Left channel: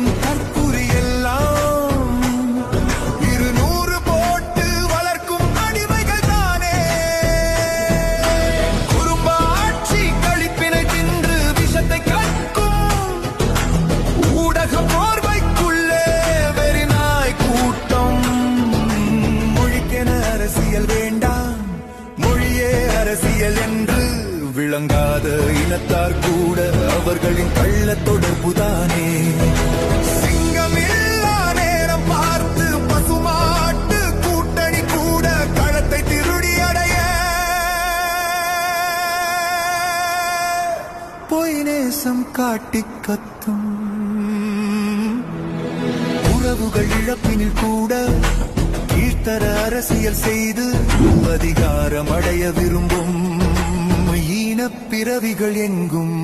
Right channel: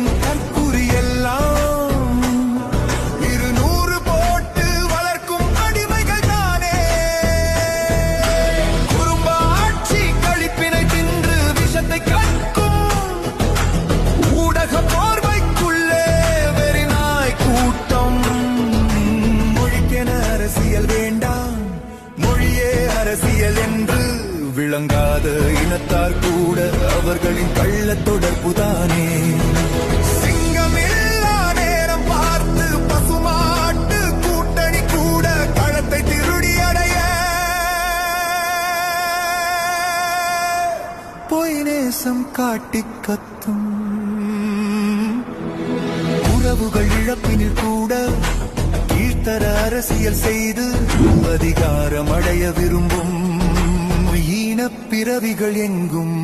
ஏந்தும் தற்குறி எல்லாம் 200 போட்டு வளர்க்கும் அடிமைகள் தானே. குறும்பாட்சி கழிப்பினை தின்று விஷத்தை கற்கும் ஊடக போர்வைக்குள்ளே வெறிநாய் கூட்டம். மொழிக்கென அரசியல் வேண்டாம், மொழியே அரசியல் என்று விளங்காத இனத்தார் கூட அவர்களின் கள்ள தொடர்புதானே. சிங்கமில்லா நேரம் பார்த்து பசுமாட்டு கூட்டணி கூட களத்தை திருடி அடைய பொய் நேசம் காட்டி கத்தும். உறவுகள் இழப்பினில் கூட கீழ்த்தர அரசியல் செய்து அதிகாரம் அடைய விரும்பும் ஈனப் பிறவிகள் எங்கும்